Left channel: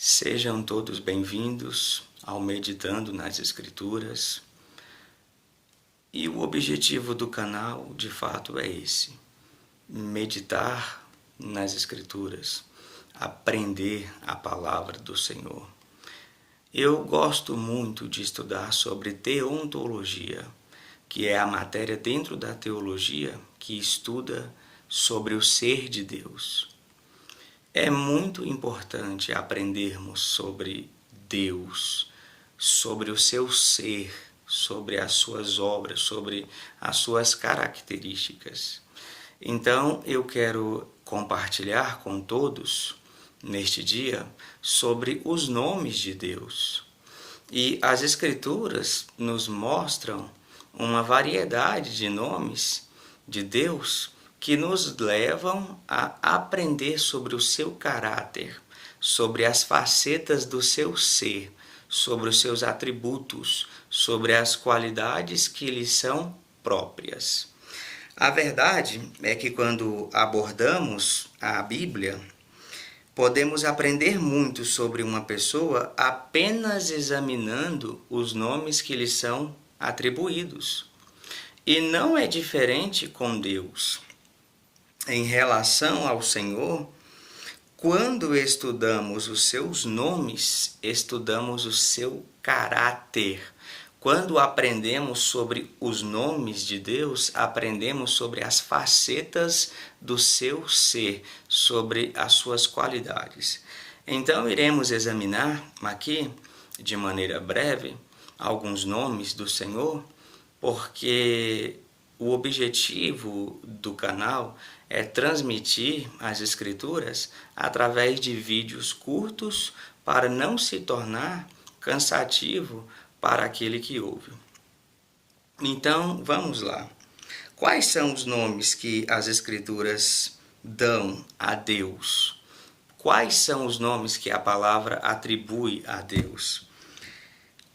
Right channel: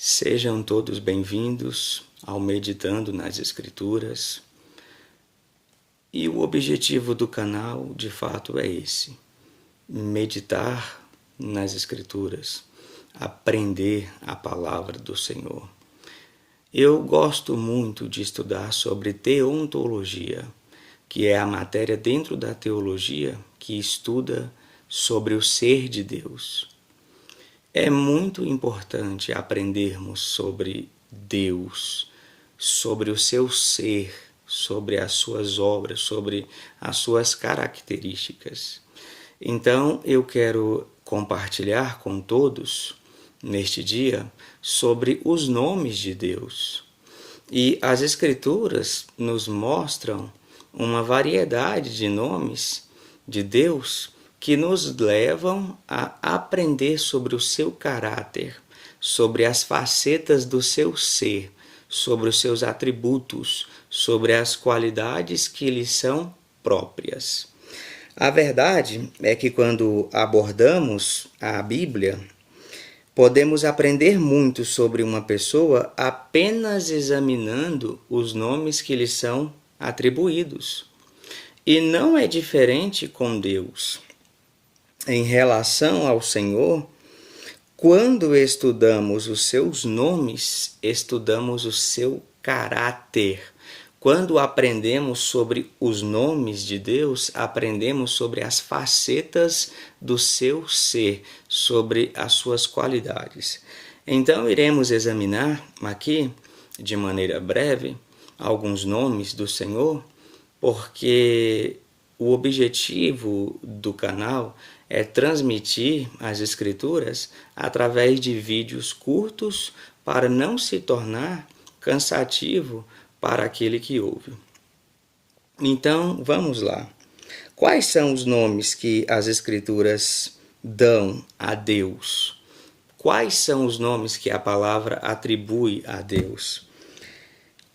Sejam todos bem-vindos ao Meditando nas Escrituras. E o objetivo do canal, de fato, é esse: meditar nas Escrituras, aprender a palavra do Senhor. Eu gosto muito de estudar sobre teontologia, que é a matéria dentro da teologia que estuda sobre o ser de Deus. É muito importante aprendermos sobre Deus, sobre o seu ser, sobre as suas obras, sobre as suas características. Então, eu quero compartilhar com todos, neste dia, sobre os nomes de Deus. E as Escrituras nos mostram uma variedade de nomes de Deus que nos levam a aprender sobre o seu caráter, sobre as facetas do seu ser, sobre os seus atributos, sobre as qualidades que lhe são próprias. A verdade é que quando abordamos a Bíblia, podemos aprender muito sobre uma pessoa apenas examinando os nomes que lhe são atribuídos. E não é diferente com Deus. Em relação ao Senhor, quando estudamos os seus nomes, estudamos o seu caráter. Quando aprendemos sobre os nomes de Deus, aprendemos sobre as facetas do seu ser, sobre as suas qualidades. Então, iremos examinar aqui, de maneira breve, alguns nomes do Senhor, porque o objetivo do canal é transmitir as Escrituras através de vídeos curtos para não se tornar cansativo para aquele que ouve. Então, vamos lá. Quais são os nomes que as Escrituras dão a Deus? Quais são os nomes que a palavra atribui a Deus?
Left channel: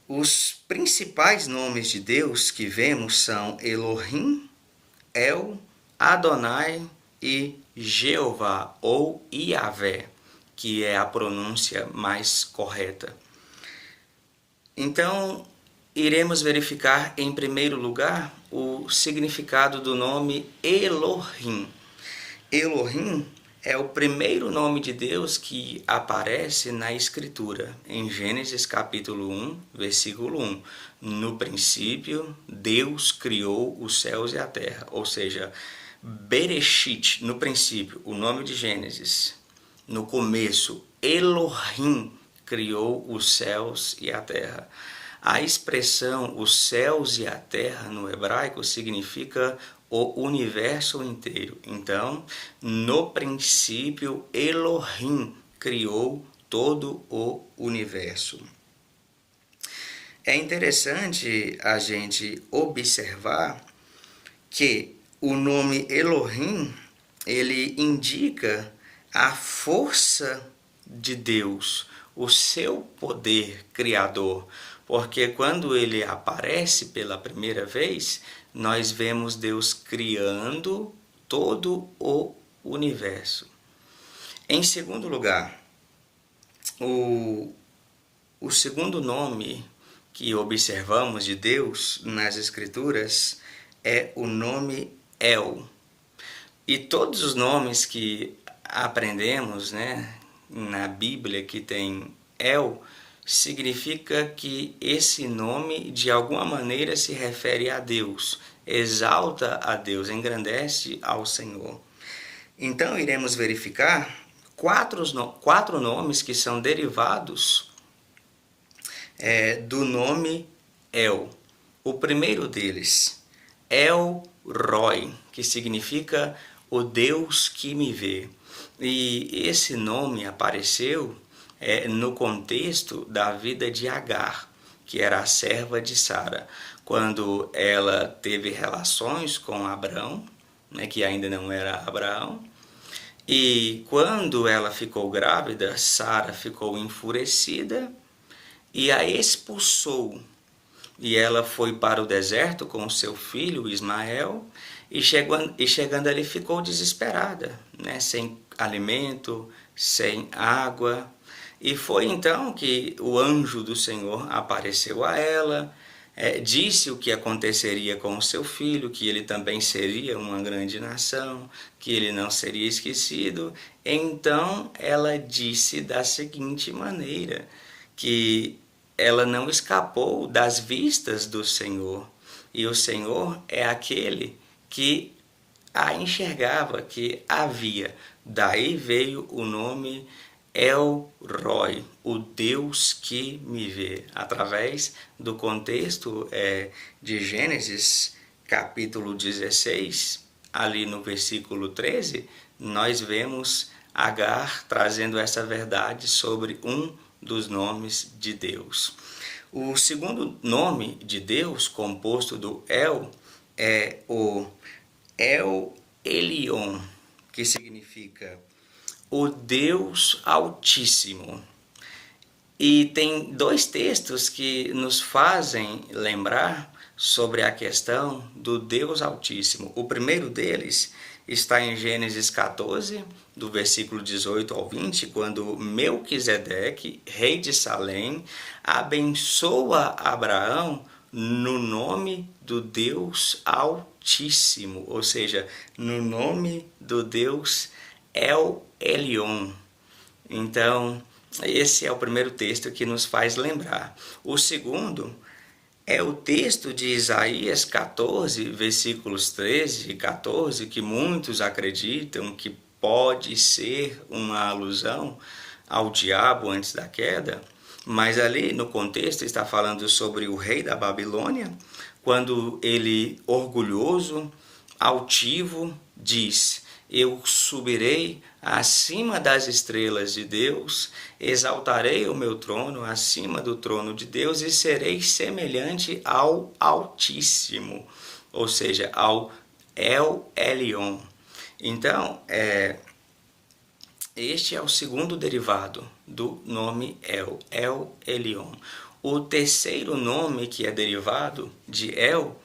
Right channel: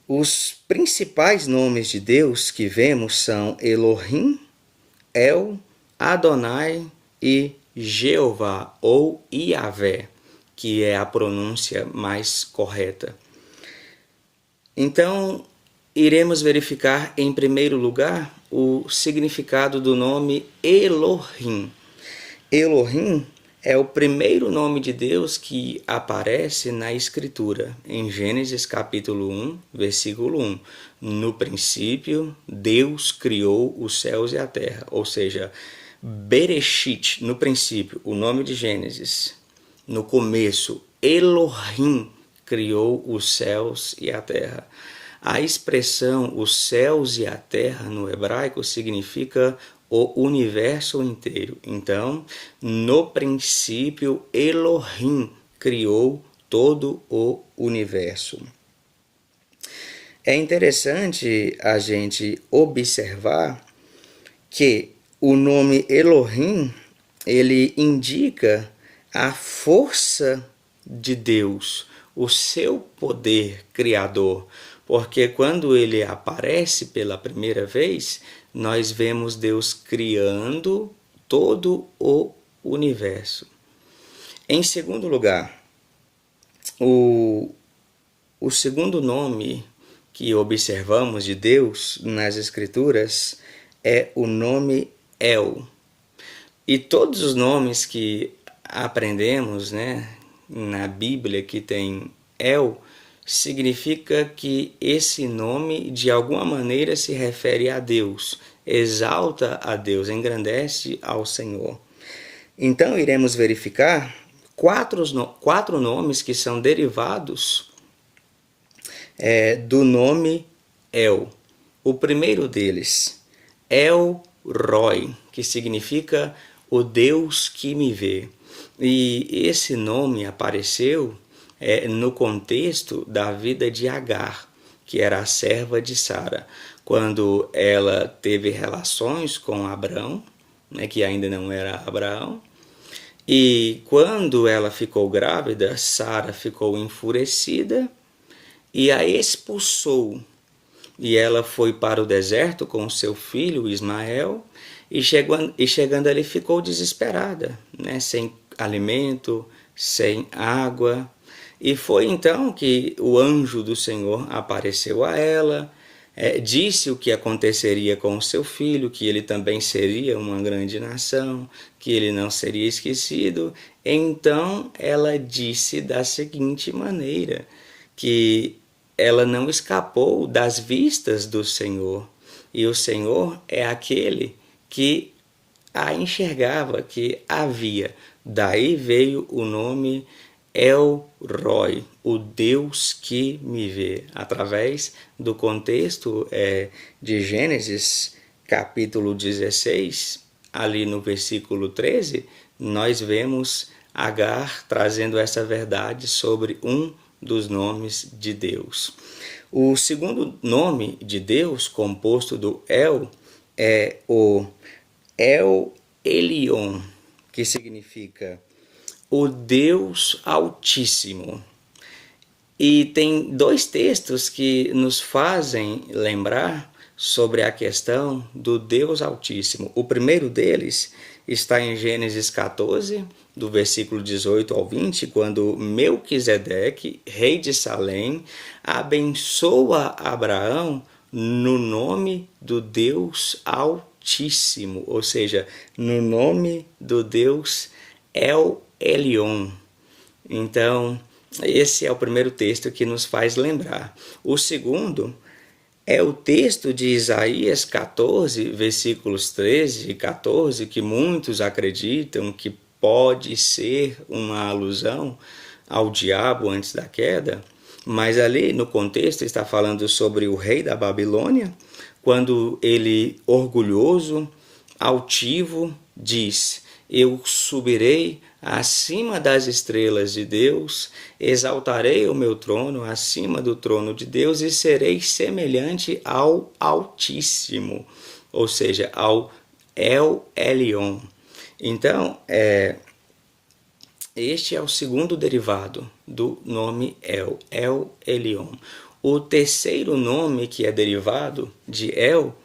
Os principais nomes de Deus que vemos são Elohim, El, Adonai e Jeová ou Iavé, que é a pronúncia mais correta. Então, iremos verificar em primeiro lugar o significado do nome Elohim. Elohim é o primeiro nome de Deus que aparece na Escritura, em Gênesis capítulo 1, versículo 1. No princípio, Deus criou os céus e a terra, ou seja, Bereshit, no princípio, o nome de Gênesis. No começo, Elohim criou os céus e a terra. A expressão os céus e a terra no hebraico significa o universo inteiro. Então, no princípio, Elohim criou todo o universo. É interessante a gente observar que o nome Elohim, ele indica a força de Deus, o seu poder criador, porque quando ele aparece pela primeira vez, nós vemos Deus criando todo o universo. Em segundo lugar, o segundo nome que observamos de Deus nas Escrituras é o nome El. E todos os nomes que aprendemos, na Bíblia que tem El, significa que esse nome de alguma maneira se refere a Deus, exalta a Deus, engrandece ao Senhor. Então iremos verificar quatro nomes que são derivados do nome El. O primeiro deles, El Roi, que significa o Deus que me vê. E esse nome apareceu no contexto da vida de Agar, que era a serva de Sara, quando ela teve relações com Abrão, que ainda não era Abraão, e quando ela ficou grávida, Sara ficou enfurecida e a expulsou. E ela foi para o deserto com seu filho Ismael, e chegando ali ficou desesperada, sem alimento, sem água. E foi então que o anjo do Senhor apareceu a ela, disse o que aconteceria com o seu filho, que ele também seria uma grande nação, que ele não seria esquecido. Então ela disse da seguinte maneira, que ela não escapou das vistas do Senhor. E o Senhor é aquele que a enxergava, que a via. Daí veio o nome El Roi, o Deus que me vê. Através do contexto de Gênesis, capítulo 16, ali no versículo 13, nós vemos Agar trazendo essa verdade sobre um dos nomes de Deus. O segundo nome de Deus, composto do El, é o El Elyon, que significa o Deus Altíssimo. E tem dois textos que nos fazem lembrar sobre a questão do Deus Altíssimo. O primeiro deles está em Gênesis 14, do versículo 18 ao 20, quando Melquisedeque, rei de Salém, abençoa Abraão no nome do Deus Altíssimo, ou seja, no nome do Deus El Elyon. Então, esse é o primeiro texto que nos faz lembrar. O segundo é o texto de Isaías 14, versículos 13 e 14, que muitos acreditam que pode ser uma alusão ao diabo antes da queda, mas ali no contexto está falando sobre o rei da Babilônia, quando ele, orgulhoso, altivo, diz: eu subirei acima das estrelas de Deus, exaltarei o meu trono acima do trono de Deus e serei semelhante ao Altíssimo, ou seja, ao El Elyon. Então, este é o segundo derivado do nome El, El Elyon. O terceiro nome que é derivado de El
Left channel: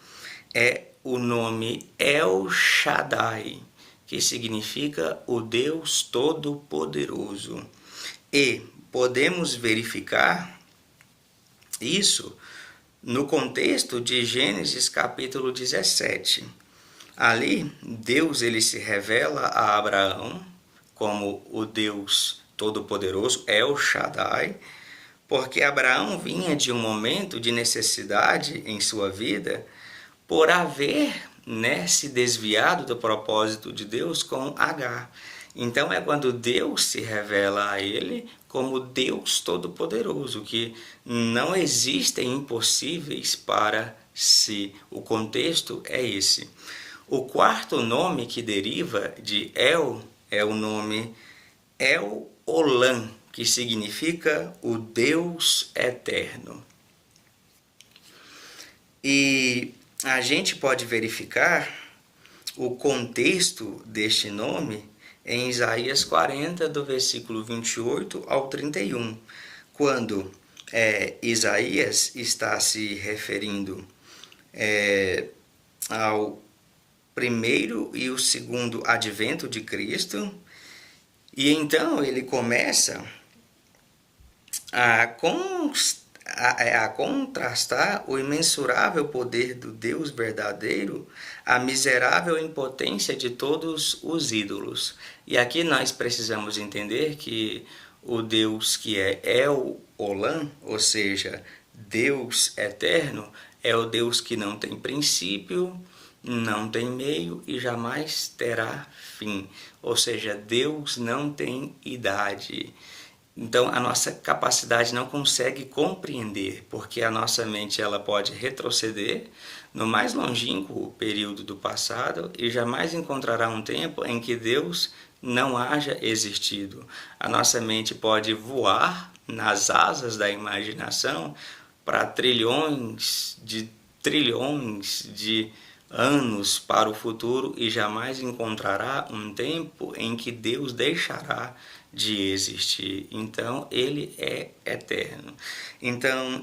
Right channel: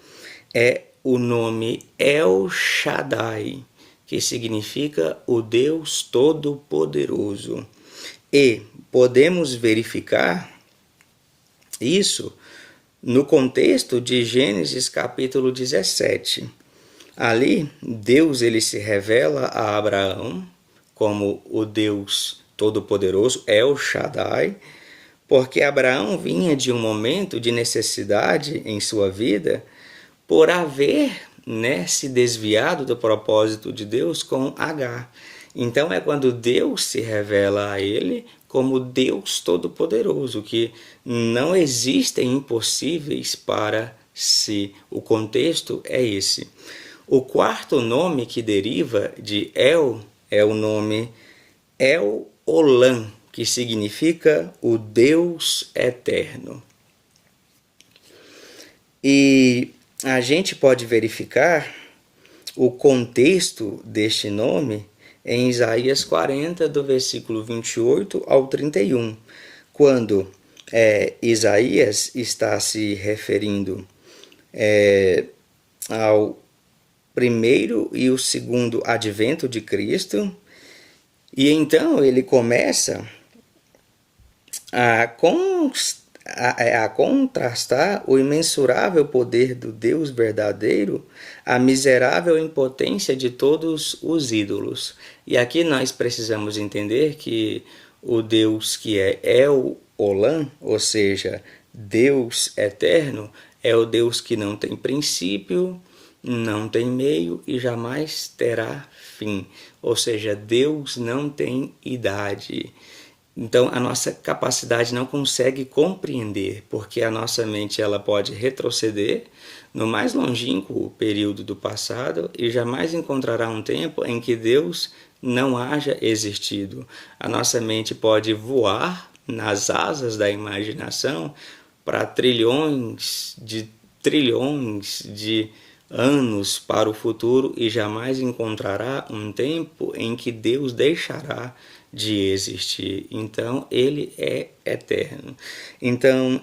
é o nome El Shaddai, que significa o Deus Todo-Poderoso. E podemos verificar isso no contexto de Gênesis capítulo 17. Ali, Deus ele se revela a Abraão como o Deus Todo-Poderoso, El Shaddai, porque Abraão vinha de um momento de necessidade em sua vida por haver se desviado do propósito de Deus com Agar. Então é quando Deus se revela a ele como Deus Todo-Poderoso, que não existem impossíveis para si. O contexto é esse. O quarto nome que deriva de El é o nome El Olam, que significa o Deus Eterno. E a gente pode verificar o contexto deste nome em Isaías 40, do versículo 28 ao 31, quando Isaías está se referindo ao primeiro e o segundo advento de Cristo, e então ele começa a contrastar o imensurável poder do Deus verdadeiro, a miserável impotência de todos os ídolos. E aqui nós precisamos entender que o Deus que é El Olam, ou seja, Deus eterno, é o Deus que não tem princípio, não tem meio e jamais terá fim. Ou seja, Deus não tem idade. Então, a nossa capacidade não consegue compreender, porque a nossa mente ela pode retroceder no mais longínquo período do passado e jamais encontrará um tempo em que Deus não haja existido. A nossa mente pode voar nas asas da imaginação para trilhões de anos para o futuro e jamais encontrará um tempo em que Deus deixará de existir. Então, ele é eterno. Então,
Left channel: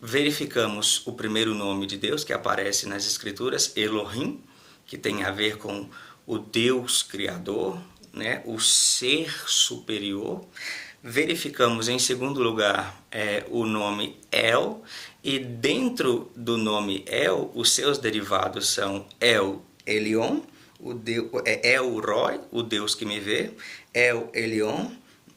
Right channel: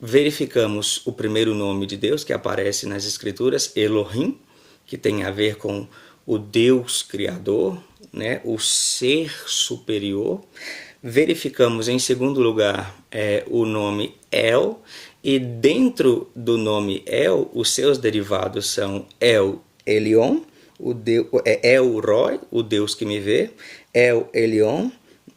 verificamos o primeiro nome de Deus que aparece nas Escrituras, Elohim, que tem a ver com o Deus Criador, o ser superior. Verificamos em segundo lugar o nome El, e dentro do nome El, os seus derivados são El Elyon, El Roi, o Deus que me vê, El Elyon,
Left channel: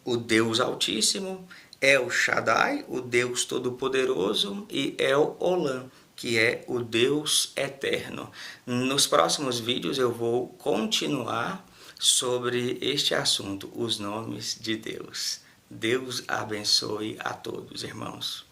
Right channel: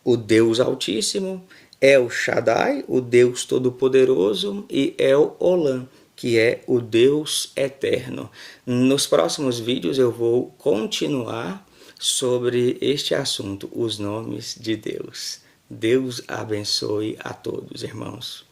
o Deus Altíssimo, El Shaddai, o Deus Todo-Poderoso, e El Olam, que é o Deus Eterno. Nos próximos vídeos eu vou continuar sobre este assunto, os nomes de Deus. Deus abençoe a todos, irmãos.